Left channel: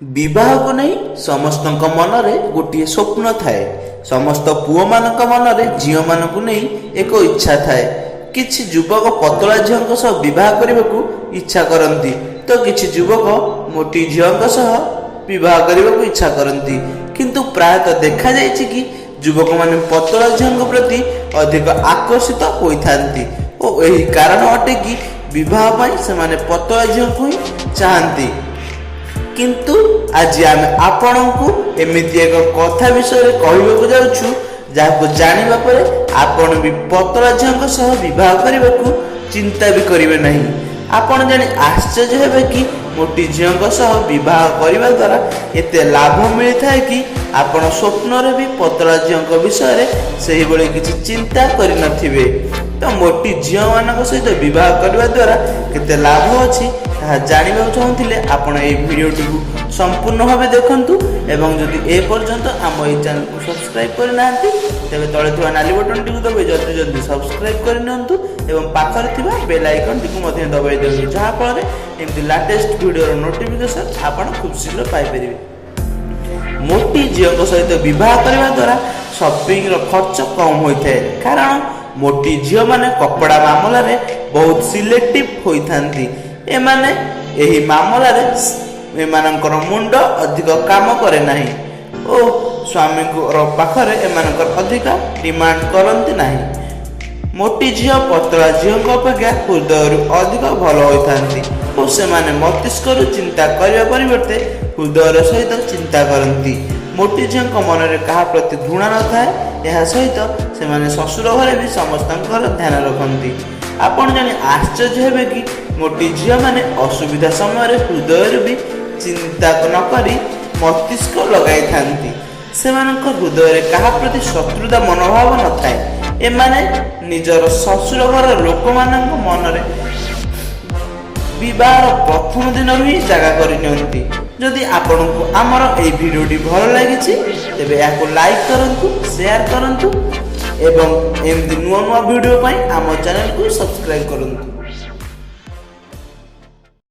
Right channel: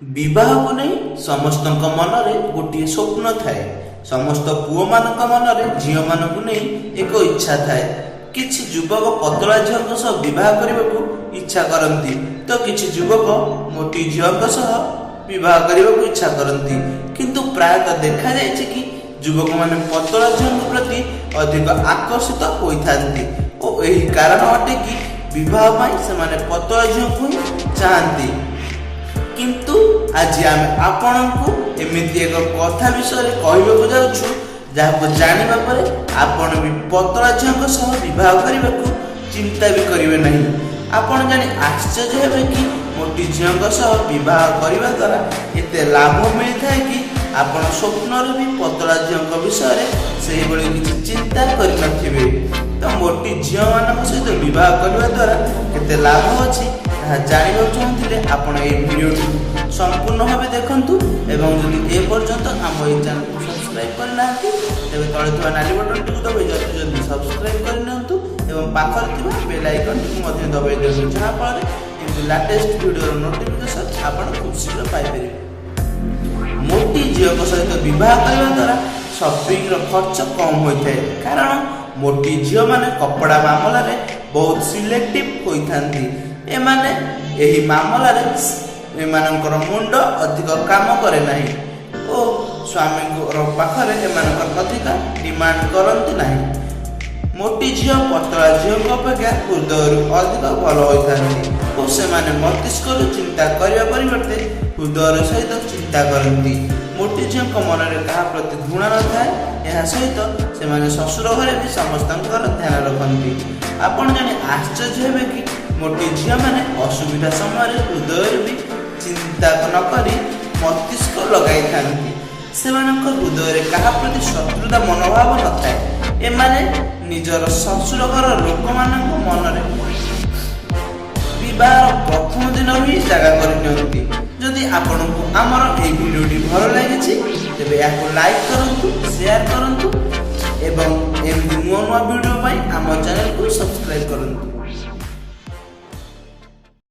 विवाह नहीं समस्त मनरे गोटे स्वप्न थाए। समस्त पुओ मान मनरे झील मानक नहीं एक इच्छा थाए। किछि युवक पतला झील सह विवाह करने को इच्छा करती तो किछि युवक मोटी झील सह विवाह करने को इच्छा करती, किंतु प्रायतः देखा जायछि कि युवक माने पतला झील प्रति अधिक आकर्षित होइथांती और यही कारण अटे कि विवाह पाई से माने पतला झील को ही चाहती। किंतु आज आम आपण को एमती एक कथा विषय कहवाक जाऊँ जहाँ जाना पर आपण भी पतला झील सह बह करने को चिंता भी करेंगे नहीं। आपण जानी आश्चर्य हे कि मोटी झील सह बह करने द्वारा एत लाभ मिलता है कि आपण स्वप्न भी पतला झील विषय से किसी चिंता करे। तो मोटी झील मान सहित बह करने द्वारा केते लाभ अच्छी जानवा चाहूँगे आपण ये भिडियोटी को संपूर्ण भाव देखु एवं जदि ए पर्यंत आम ये चैनल को सब्सक्राइब करना तेज तले थी नाली बटन टी दबाई जल्दी जल्दी सब्सक्राइब कर पाखर बेल आइकन टी दबाई दिखाँ जहाँफल एमती लेटेस्ट वीडियो नोटिफिकेशन आपण खूब शीघ्र पाइपर। मोटी झील सहित बह करने द्वारा शॉपिंग खर्च कम होता है, कारण मोटी झील माने कपड़ा मामला बहुत सिलेक्टिव होती। एमाने एही मामला रे एमानकर मुंड अधिक काम करे नहीं और स्वामी पाखरे एमानकर अधिक डिमांड करती नहीं। मोटी झील पतला झील अपेक्षा हृदय अधिक भल होती और से मस्तिष्क चिंता करने परिवर्ते हृदय सहित चिंता करती। मोटी झील मन में क्या प्रति घृणा न थाए, यह सहित से ससुर घरे भी समस्त ध्यान रखती। आपण जाने आश्चर्य हे कि मोटी झील माने असुविधा समय हृदय भी चिंता नकरी मस्तिष्क लगाई थांती। हृदय क्या प्रति शत्रुता मनोभाव न थाए। एमाने निजर ससुर घर लोक मान मन विवाह प्रथम दिन ही जगह करती। जदि आपण को आमर ये भिडियोटी भल लगी तेज या लाइक करूँ, शेयर करूँ एवं एमती नुआ नुआ वीडियो आम चैनल को सब्सक्राइब करूँ।